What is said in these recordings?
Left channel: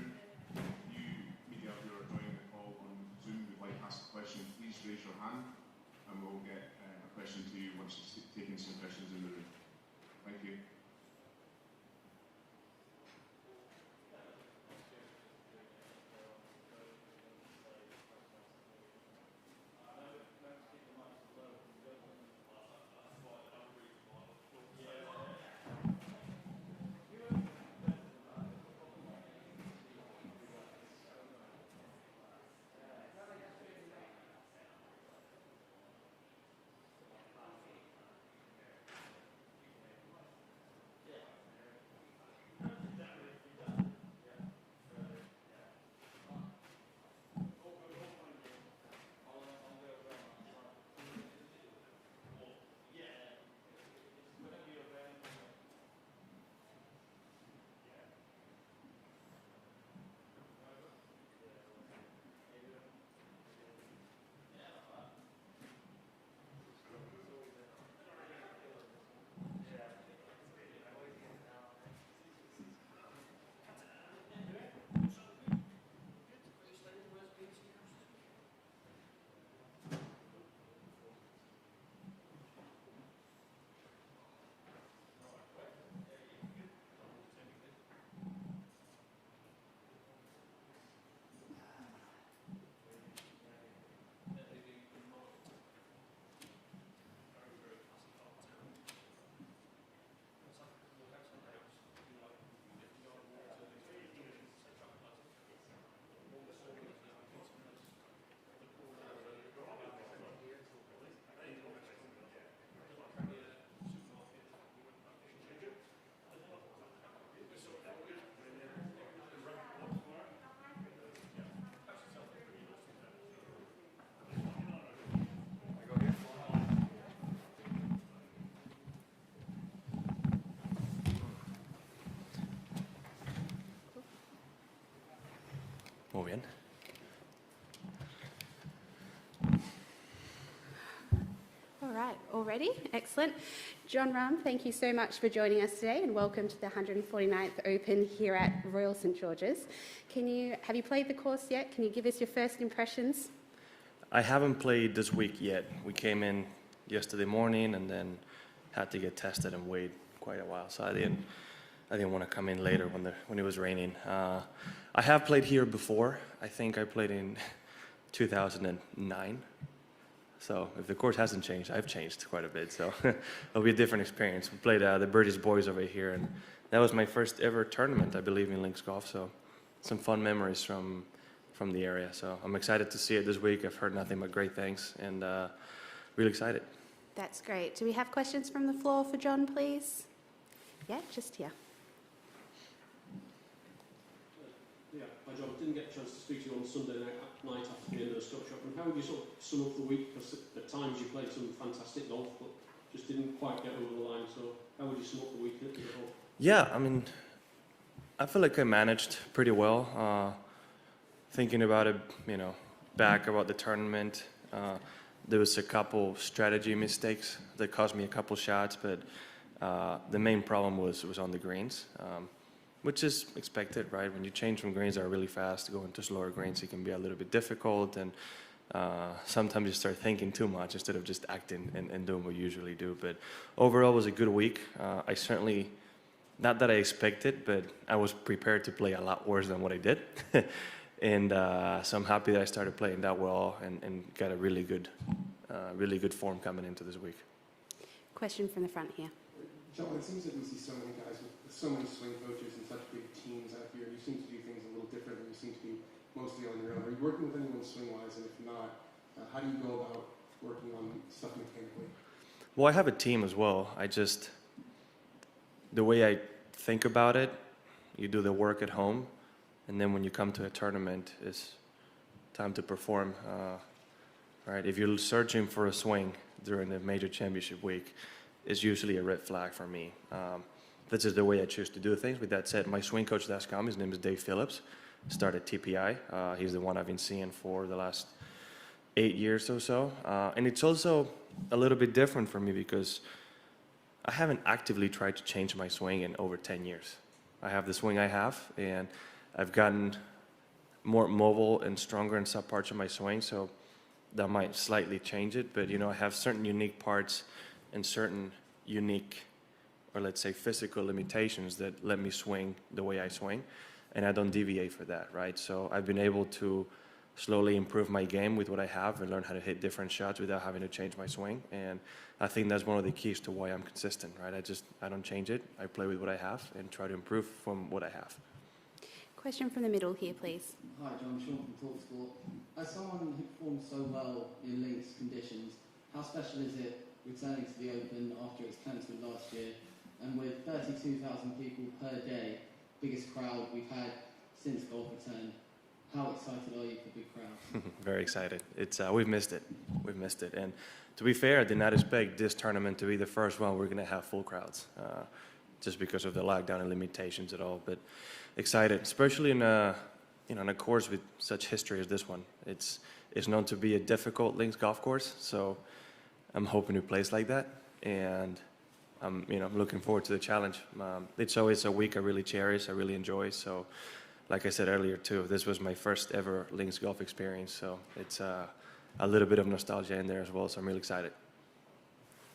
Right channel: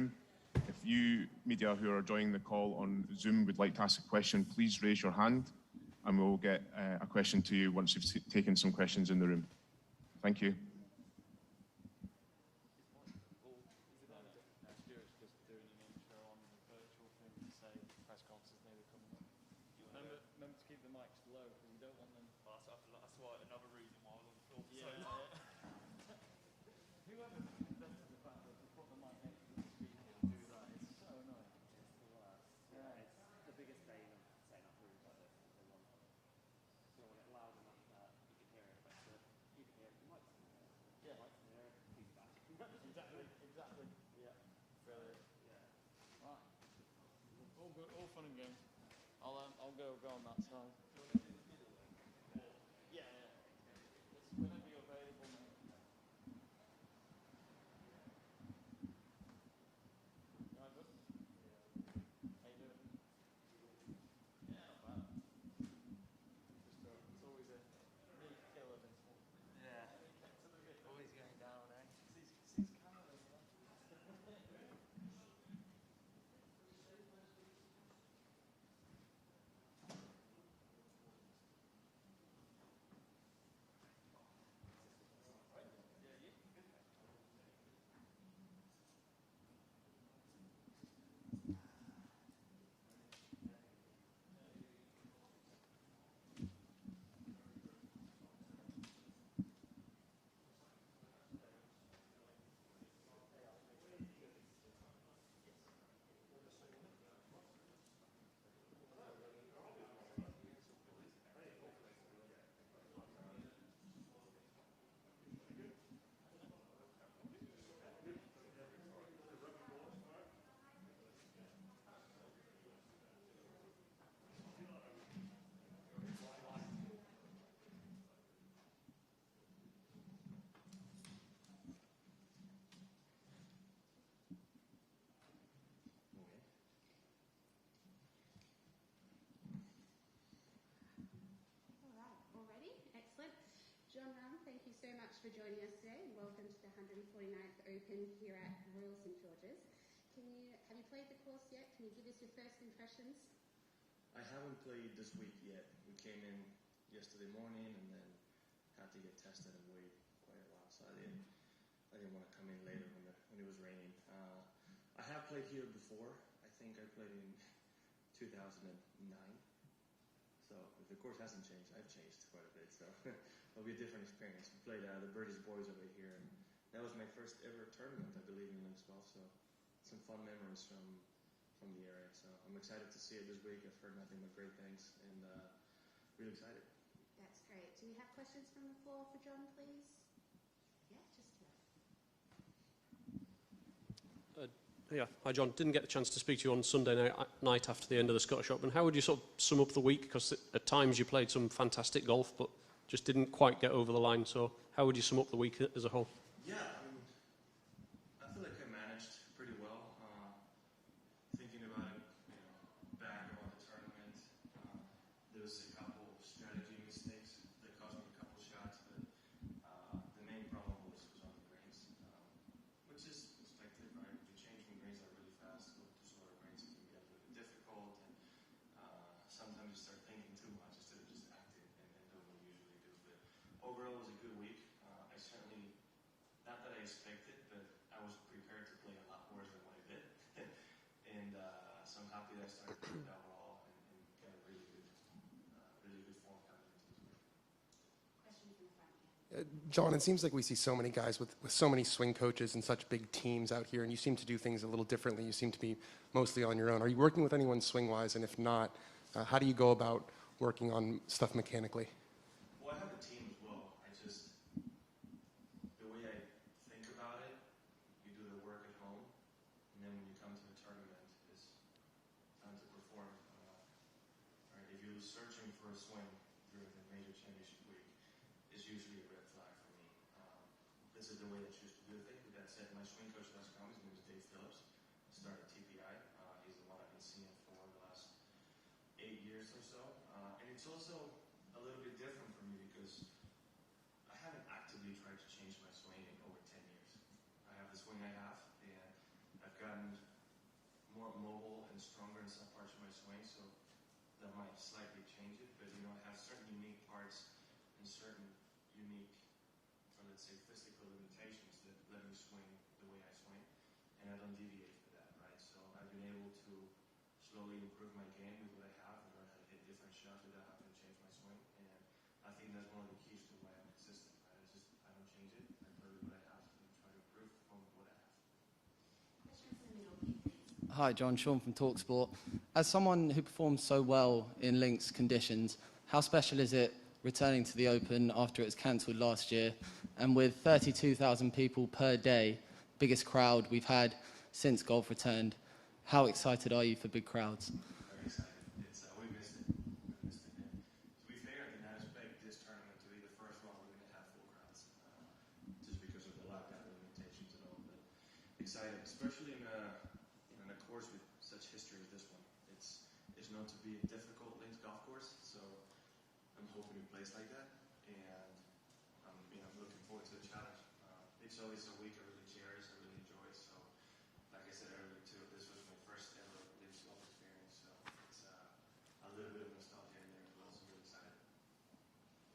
room. If you, media who are joining the call on Zoom, would like to ask a question, please raise your hand and we'll get a question to you once you've taken some questions in the room. Thank you. Muy bien. All right, all ready? Excellent. Jon Rahm, thank you so much for joining us today and welcome to the 149th Open here at Royal St George's. Have you played the course yet? Can you give us your first impressions? I haven't played this week yet. We came in yesterday morning and then had to get tested and wait quite a while, so I didn't want to come in later when it was raining. I have played here before. I think I played in 2009. So if the course hasn't changed, I've changed quite a bit. So it'll be a different experience. We played the British Boys over here, and that was my first ever tournament, I believe, in links golf. So some fun memories from the area. So I'm excited to see it this week. I've heard nothing but great things, and really excited. That's great. Do we have questions from the floor for Jon, please? Yeah, just here. Yeah, hi Jon. Didn't get a chance to speak to you on Sunday night after the end of the Scottish Open. How would you sort of sum up the week? Because at times you played some fantastic golf, but just didn't quite get over the line. So how would you sum up the week as a whole? Yeah, I mean, I feel like I managed pretty well. Thinking about it, back about the tournament, there was a couple strategy mistakes that cost me a couple shots, but the main problem was on the greens. Which is expected, right? When you change from greens that are really fast, going to slower greens, it can be a little bit difficult, and sometimes you start thinking too much instead of just acting and doing what you usually do. But overall, it was a good week. I certainly, not that I expected, but I was prepared to play a lot worse than what I did. And so I'm happy that I started playing that well and got a really good form coming into this week. Question from the front here. Jon, it seems like we see so many guys with so many swing coaches and such big teams out here, and you seem to do things a little differently. You seem to be mostly on your own. Are you working with anyone swing-wise, and if not, how do you go about working on stuff mechanically? Well, I have a team as well. The way I think about it, you do the work at home, and then when you come to a tournament, it's time to perform. Right? If you're searching for a swing during the major championship week, is usually a red flag for me. This is the way I choose to do things. With that said, my swing coach that's come, his name is Dave Phillips, started TPI. He's the one I've been seeing for the last 8 years or so. And it's also a little bit different for me because I haven't actively tried to change my swing in over 10 years. I have the swing I have, and I've gotten more mobile and stronger in some parts of my swing, so that might slightly change it. But, I have certain unique parts and certain unique, or let's say physical limitations that let me swing the way I swing, and I don't deviate for that, right? So I've been able to slowly improve my game with what I have and learn how to hit different shots without having to change my swing. And I think that's one of the keys to why I'm consistent, right? I don't change it. I play with what I have and try to improve from what I have. Question from the middle here, please. Hi, John. Sean from TalkSport. As someone who performs so well in links conditions, how special is it returning to the Open after it was cancelled last year? And with 32,000 people per day, biggest crowd we've had since golf returned, how excited are you for big crowds? Very excited. We've missed it. We've missed it. And to be fair, I did not expect this tournament to be the first one we're going to have full crowds, just because of the lockdown and limitations at all. But excited, especially in a course with such history as this one. It's known to be a difficult links golf course, so I'm hoping to place like that, and I'm looking forward to the challenge. It's always a week I really cherish, I really enjoy. So, like I said earlier too, this was my first ever links golf experience, so it's a little bit of nostalgia in there as well. So I'm really excited.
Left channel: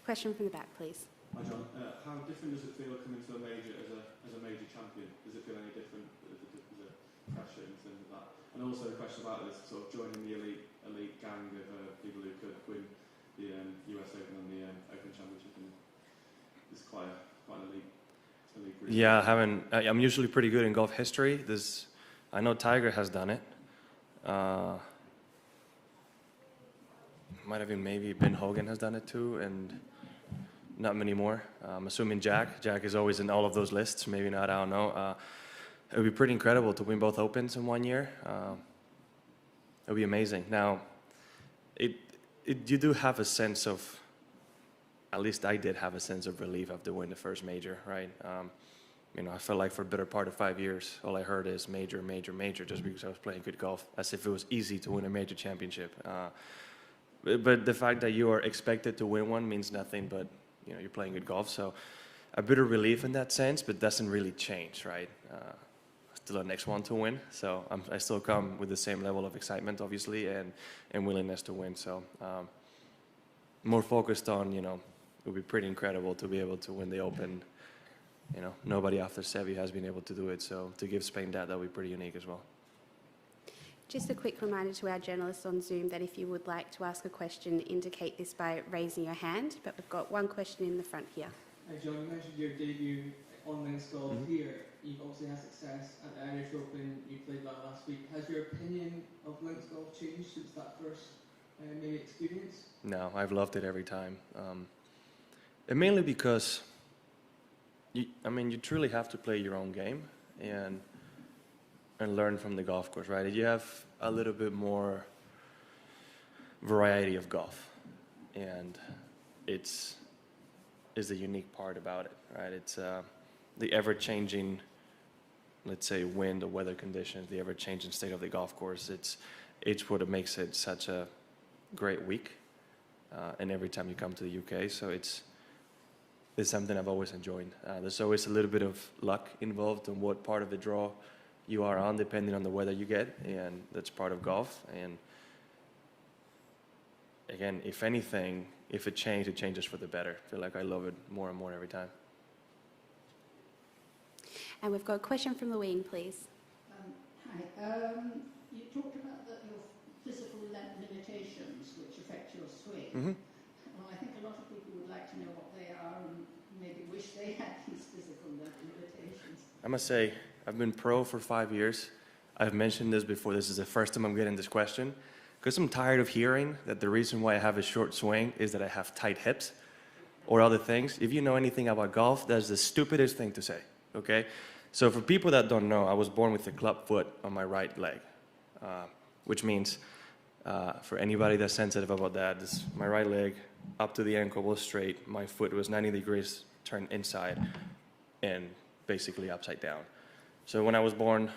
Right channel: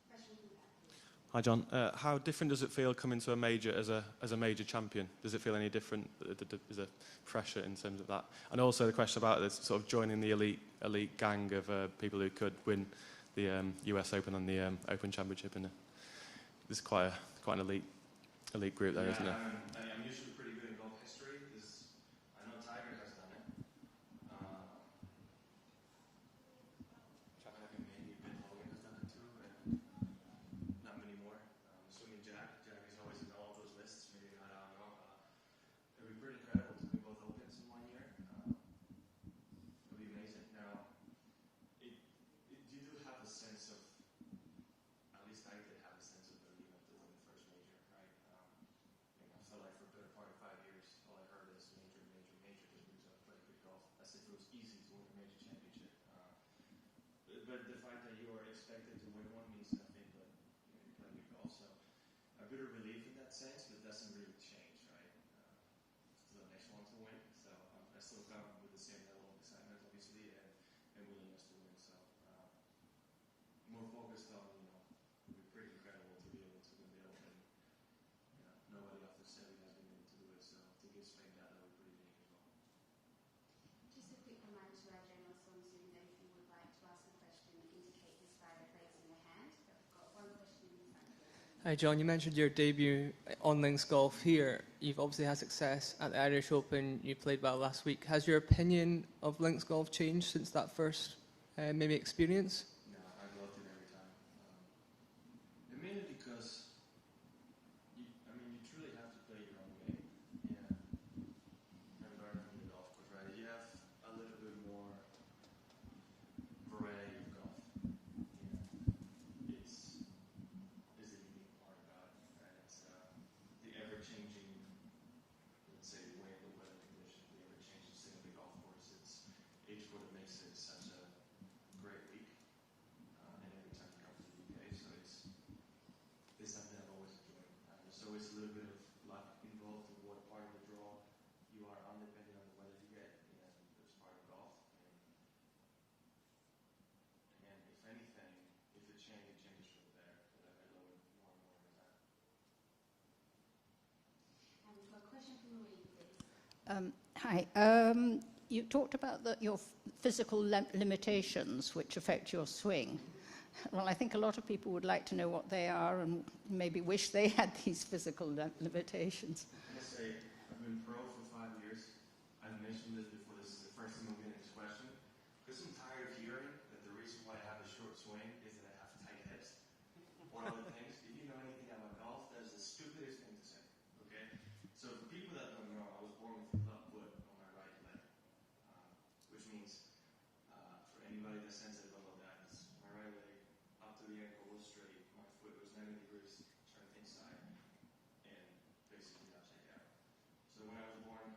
Question from the back, please. Hi, John. How different does it feel coming to a major as a major champion? Does it feel any different? Is there pressure in terms of that? And also the question about this sort of joining the elite gang of people who could win the US Open and the Open Championship, and there's quite an elite group. Yeah, I'm usually pretty good in golf history. I know Tiger has done it. Might have been maybe Ben Hogan has done it too, and not many more. I'm assuming Jack. Jack is always in all of those lists. Maybe not, I don't know. It would be pretty incredible to win both Opens in 1 year. It would be amazing. Now, you do have a sense of, at least I did have a sense of relief after winning the first major, right? I felt like for a better part of 5 years, all I heard is major, major, major, just because I was playing good golf, as if it was easy to win a major championship. But the fact that you are expected to win one means nothing but you're playing good golf. So a bit of relief in that sense, but doesn't really change, right? Still a next one to win. So I still come with the same level of excitement, obviously, and willingness to win. So more focused on, it would be pretty incredible to be able to win the Open. Nobody after Seve has been able to do it. So to give Spain that would be pretty unique as well. Just a quick reminder to our journalists on Zoom that if you would like to ask a question, indicate this by raising your hand. But we've got one question in the front here. Hi, John. You mentioned your debut on links golf here. You've obviously had success at the Irish Open. You played well last week. Has your opinion of links golf changed since that first maybe experience? No, I've loved it every time. And mainly because you truly have to play your own game and learn from the golf course, right? You have a little bit more variety of golf, and it's the unique part about it, right? It's the ever-changing, let's say, wind or weather conditions, the ever-changing state of the golf course. It's what makes it such a great week, and every time you come to the UK, so it's something I've always enjoyed. There's always a little bit of luck involved in what part of the draw you are on, depending on the weather you get, and that's part of golf. And again, if anything, if it changes for the better. I feel like I love it more and more every time. And we've got a question from the wing, please. Hi. You talked about your physical limitations which affect your swing. Mm-hmm. Well, I think a lot of people would like to know what they are and maybe wish they had these physical limitations. I must say, I've been pro for 5 years. I've mentioned this before. This is the first time I'm getting this question, because I'm tired of hearing that the reason why I have a short swing is that I have tight hips or other things. If you know anything about golf, that's the stupidest thing to say, okay? So for people that don't know, I was born with a club foot on my right leg, which means for anybody that's sensitive about that, my right leg up to the ankle was straight. My foot was 90 degrees turned inside and basically upside down. So when I was born,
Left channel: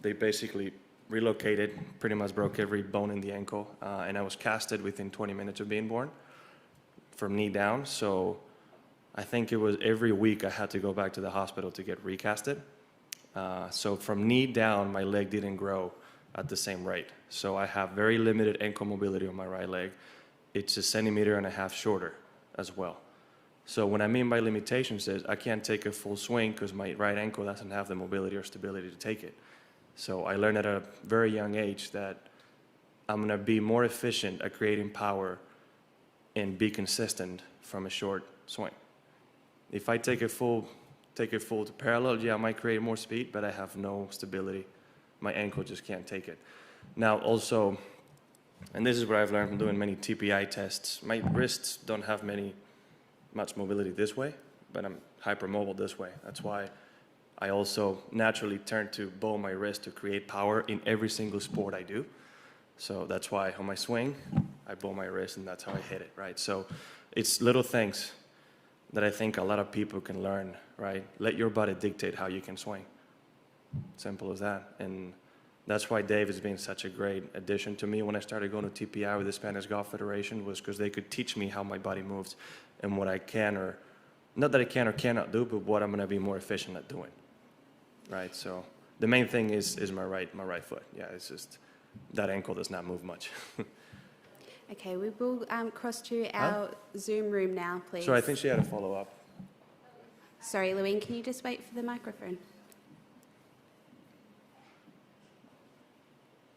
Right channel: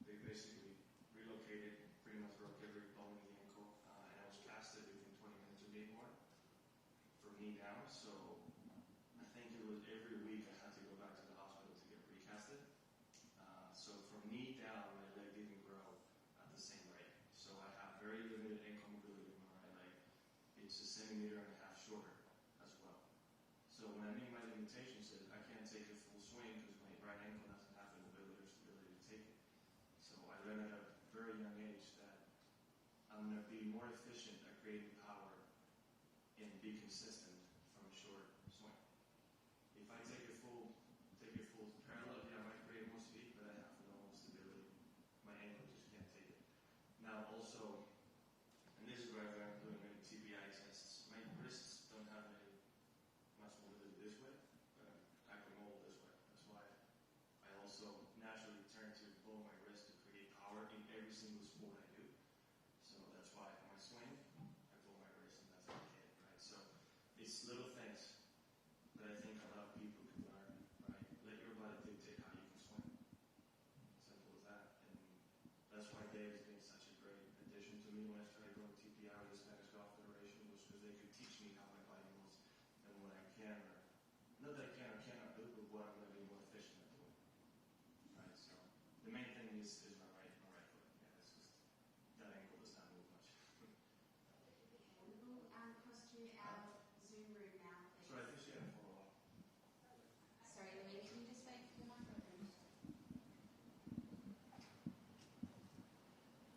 they basically relocated, pretty much broke every bone in the ankle, and I was casted within 20 minutes of being born from knee down. So I think it was every week I had to go back to the hospital to get recasted. So from knee down, my leg didn't grow at the same rate. So I have very limited ankle mobility on my right leg. It's 1.5 centimeters shorter as well. So what I mean by limitations is I can't take a full swing because my right ankle doesn't have the mobility or stability to take it. So I learned at a very young age that I'm going to be more efficient at creating power and be consistent from a short swing. If I take it full to parallel, yeah, I might create more speed, but I have no stability. My ankle just can't take it. Now also, and this is what I've learned from doing many TPI tests, my wrists don't have much mobility this way, but I'm hypermobile this way. That's why I also naturally turn to bow my wrist to create power in every single sport I do. So that's why on my swing, I bow my wrist and that's how I hit it, right? So it's little things that I think a lot of people can learn, right? Let your body dictate how you can swing. Simple as that. And that's why Dave has been such a great addition to me when I started going to TPI with the Spanish Golf Federation, was because they could teach me how my body moves and what I can, or not that I can or cannot do, but what I'm going to be more efficient at doing, right? So the main thing is my right foot. Yeah, it's just that ankle does not move much. Okay, we will cross to our Zoom room now, please. So I think she had a follow-up. Sorry, Louine, can you just wait for the microphone?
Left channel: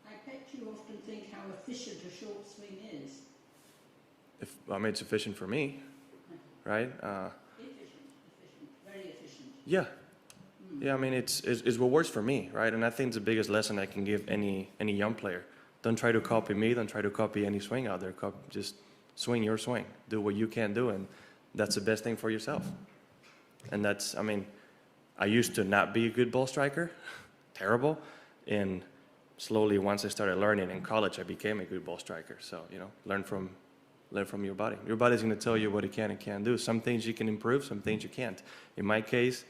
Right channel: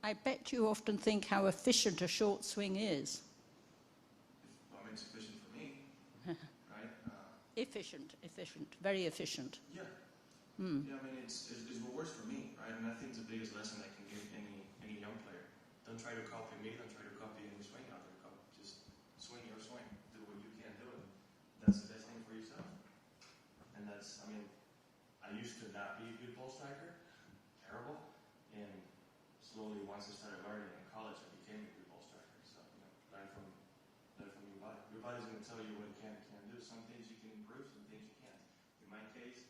I bet you often think how efficient a short swing is. It's efficient for me, right? Efficient, very efficient. Yeah. Yeah, I mean, it's what works for me, right? And I think it's the biggest lesson I can give any young player. Don't try to copy me. Don't try to copy any swing out there. Just swing your swing. Do what you can do, and that's the best thing for yourself. And that's, I mean, I used to not be a good ball striker, terrible, and slowly once I started learning in college, I became a good ball striker. So, learn from your body. Your body's going to tell you what it can and can't do. Some things you can improve, some things you can't. In my case,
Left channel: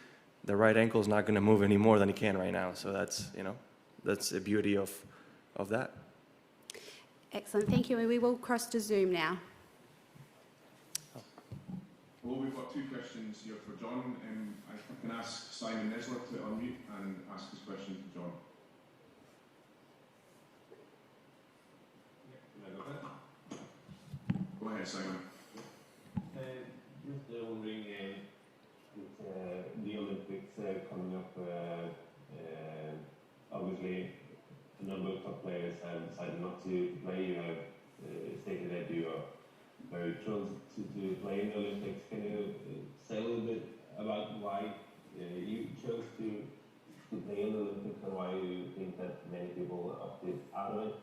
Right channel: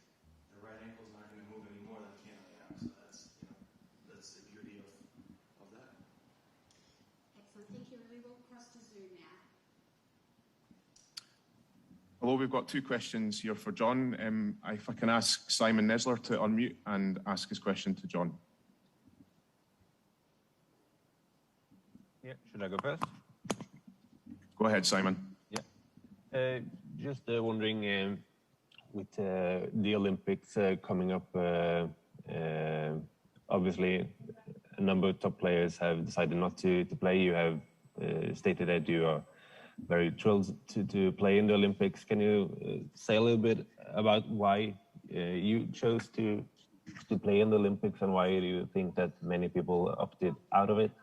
the right ankle is not going to move any more than it can right now. So that's, that's the beauty of that. Excellent, thank you. And we will cross to Zoom now. Hello, we've got two questions here for Jon. If I can ask Simon Nesler to unmute and ask his question to Jon. Yeah, should I go first? Go ahead, Simon. Yeah. Just wondering, with the Olympics coming up, obviously a number of top players have decided not to play. You have stated that you are very thrilled to play in the Olympics. Can you say a little bit about why you chose to play in the Olympics, and why do you think that many people opted out of it?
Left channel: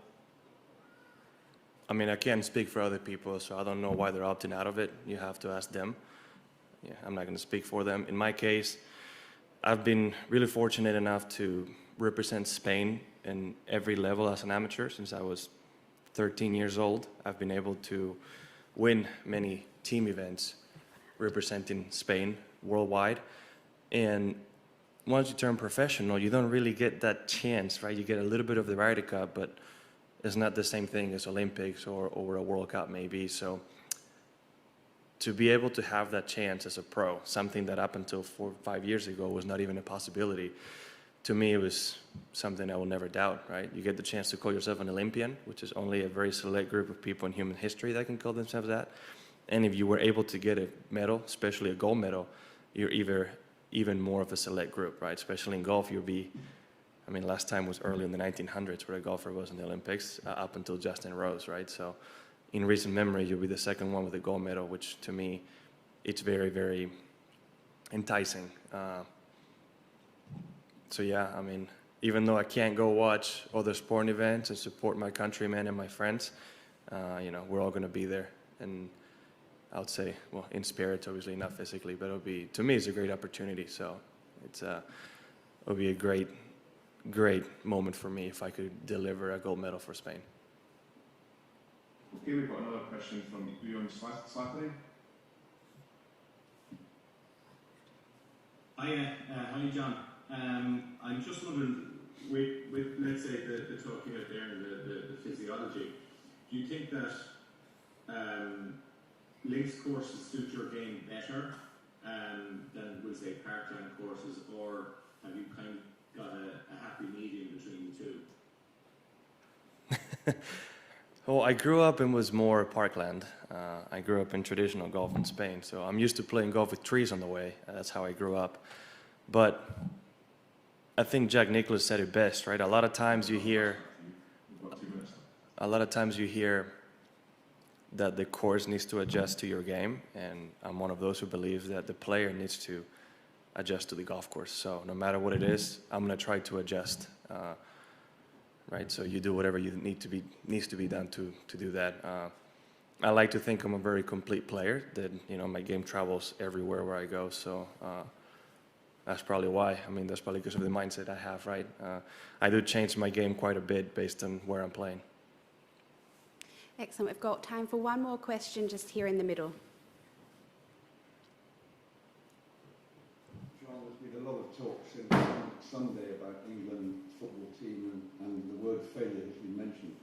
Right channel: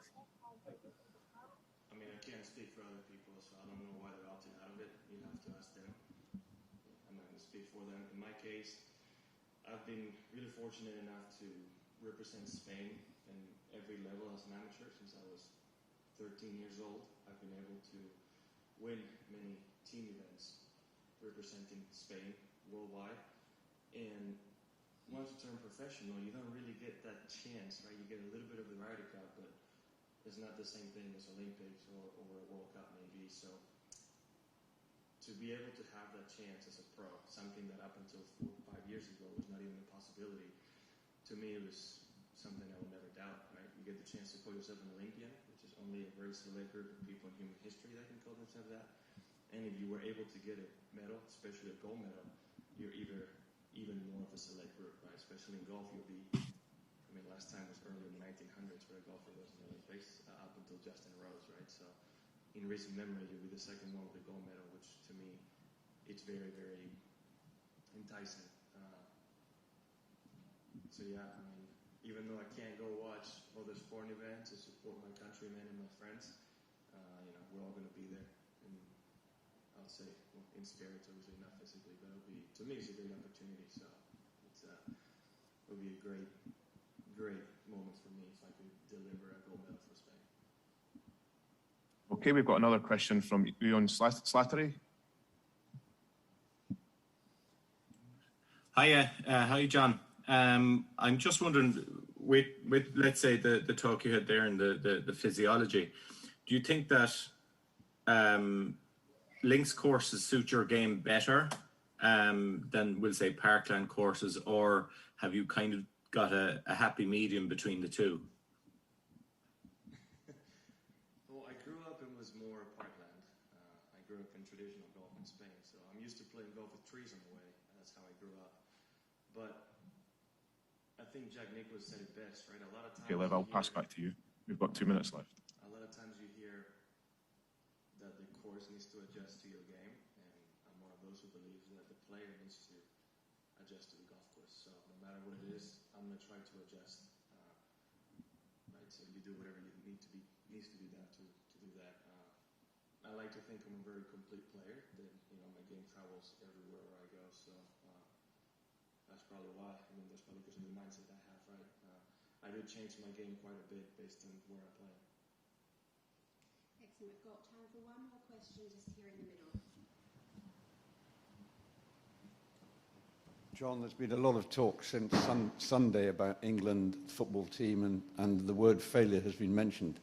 I mean, I can't speak for other people, so I don't know why they're opting out of it. You have to ask them. Yeah, I'm not going to speak for them. In my case, I've been really fortunate enough to represent Spain in every level as an amateur since I was 13 years old. I've been able to win many team events representing Spain worldwide. And once you turn professional, you don't really get that chance, right? You get a little bit of the Ryder Cup, but it's not the same thing as Olympics or a World Cup maybe. So to be able to have that chance as a pro, something that up until 4 or 5 years ago was not even a possibility, to me it was something I will never doubt, right? You get the chance to call yourself an Olympian, which is only a very select group of people in human history that can call themselves that. And if you were able to get a medal, especially a gold medal, you're even more of a select group, right? Especially in golf, you'll be, I mean, last time was early in the 1900s where a golfer was in the Olympics, up until Justin Rose, right? So in recent memory, you'll be the second one with a gold medal, which to me, it's very, very enticing. So yeah, I mean, even though I can't go watch other sporting events and support my countrymen and my friends, we're all going to be there. And I would say, well, in spirit, obviously, not physically, but to me, it's a great opportunity. So it'll be a great moment for me if I could deliver a gold medal for Spain. Okay, we've got another question from Jon Slattery. Hiya, how are you, John? I'm just wondering, with let's say the talk you had there and the physiology, do you think that links courses suit your game better than, we'll say, parkland courses, or have you kind of got a happy medium between the two? Well, I grew up and was more parkland. I grew up in traditional golf in Spain, so I'm used to playing golf with trees on the way. That's how I grew up. But I think Jack Nicklaus said it best, right? A lot of times you I'll pass hear, back to you. We've got 2 minutes left. a lot of times you hear that the course needs to adjust to your game, and I'm one of those who believes that the player needs to adjust to the golf course. So no matter what it is, I'm going to try to adjust. Right, so you do whatever you needs to be done to do that. I like to think I'm a very complete player. That my game travels everywhere where I go. So that's probably why. I mean, that's probably because of the mindset I have. Right, I do change my game quite a bit based on where I'm playing. Excellent. We've got time for one more question just here in the middle. John, there's been a lot of talk since Sunday about England football team, and the word failure has been mentioned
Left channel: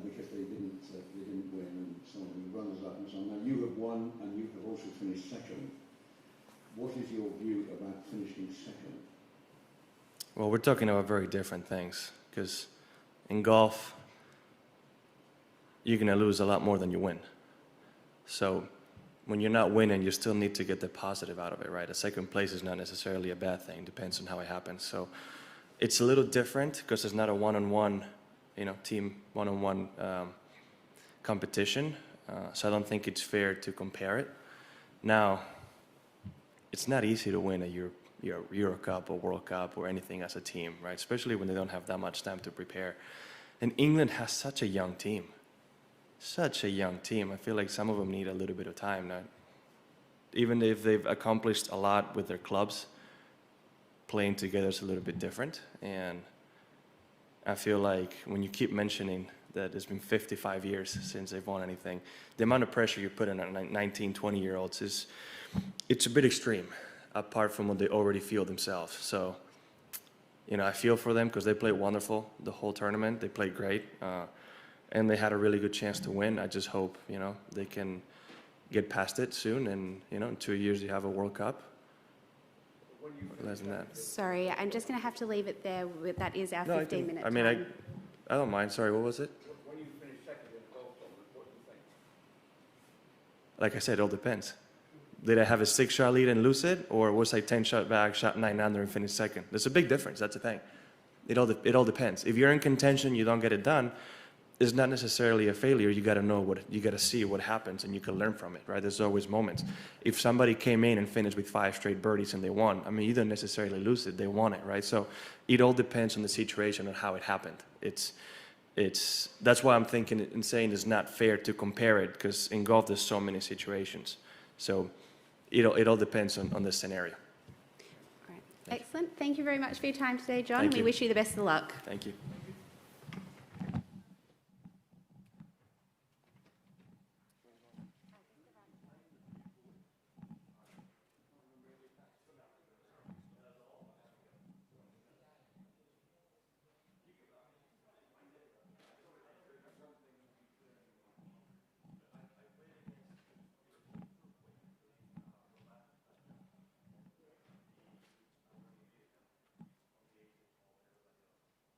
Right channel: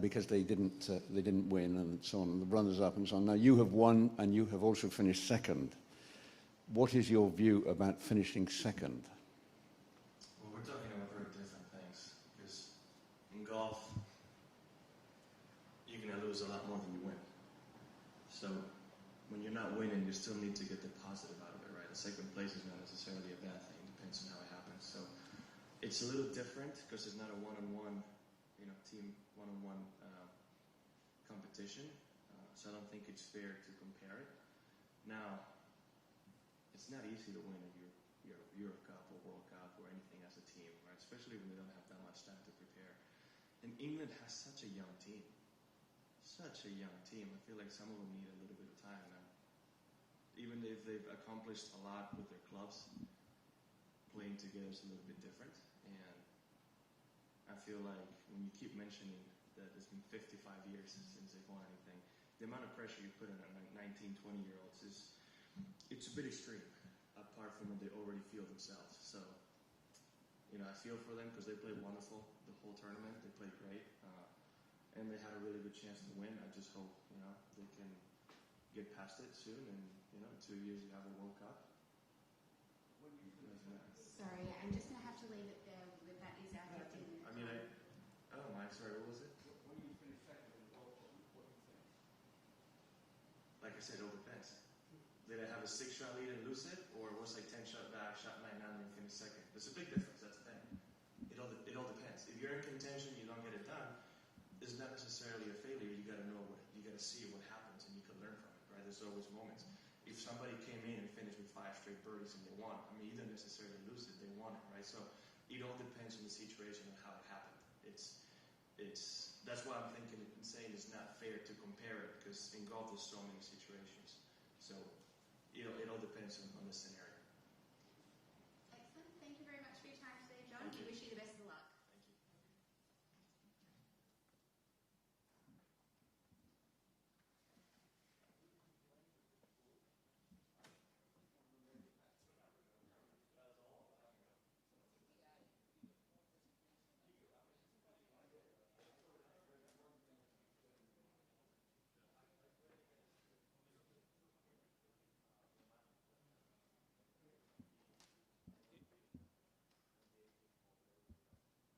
because they didn't win and so on, the runners-up and so on. Now you have won and you have also finished second. What is your view about finishing second? Well, we're talking about very different things because in golf, you're going to lose a lot more than you win. So when you're not winning, you still need to get the positive out of it, right? A second place is not necessarily a bad thing. Depends on how it happens. So it's a little different because it's not a one-on-one, team one-on-one competition. So I don't think it's fair to compare it. Now, it's not easy to win a Euro Cup or World Cup or anything as a team, right? Especially when they don't have that much time to prepare. And England has such a young team. Such a young team. I feel like some of them need a little bit of time now. Even if they've accomplished a lot with their clubs, playing together is a little bit different. And I feel like when you keep mentioning that it's been 55 years since they've won anything, the amount of pressure you put on 19, 20-year-olds it's a bit extreme, apart from what they already feel themselves. So, I feel for them because they played wonderful the whole tournament. They played great. And they had a really good chance to win. I just hope, they can get past it soon. And, in 2 years you have a World Cup. Less than that. Sorry, I'm just going to have to leave it there. That is our 15-minute time. I don't mind. Sorry, what was it? When you finish second in the golf tournament, what do you think? Like I said, it all depends. Did I have a 6-shot lead and lose it? Or was I 10-shot back, shot 9 under and finished second? There's a big difference. That's the thing. It all depends. If you're in contention, you don't get it done, it's not necessarily a failure. You got to see what happens, and you can learn from it, right? There's always moments. If somebody came in and finished with 5 straight birdies and they won, I mean, you don't necessarily lose it. They won it, right? So it all depends on the situation and how it happened. That's why I'm thinking and saying it's not fair to compare it, because in golf there's so many situations. So it all depends on the scenario. All right. Excellent. Thank you very much for your time today, John. Thank We you. wish you the best of luck. Thank you.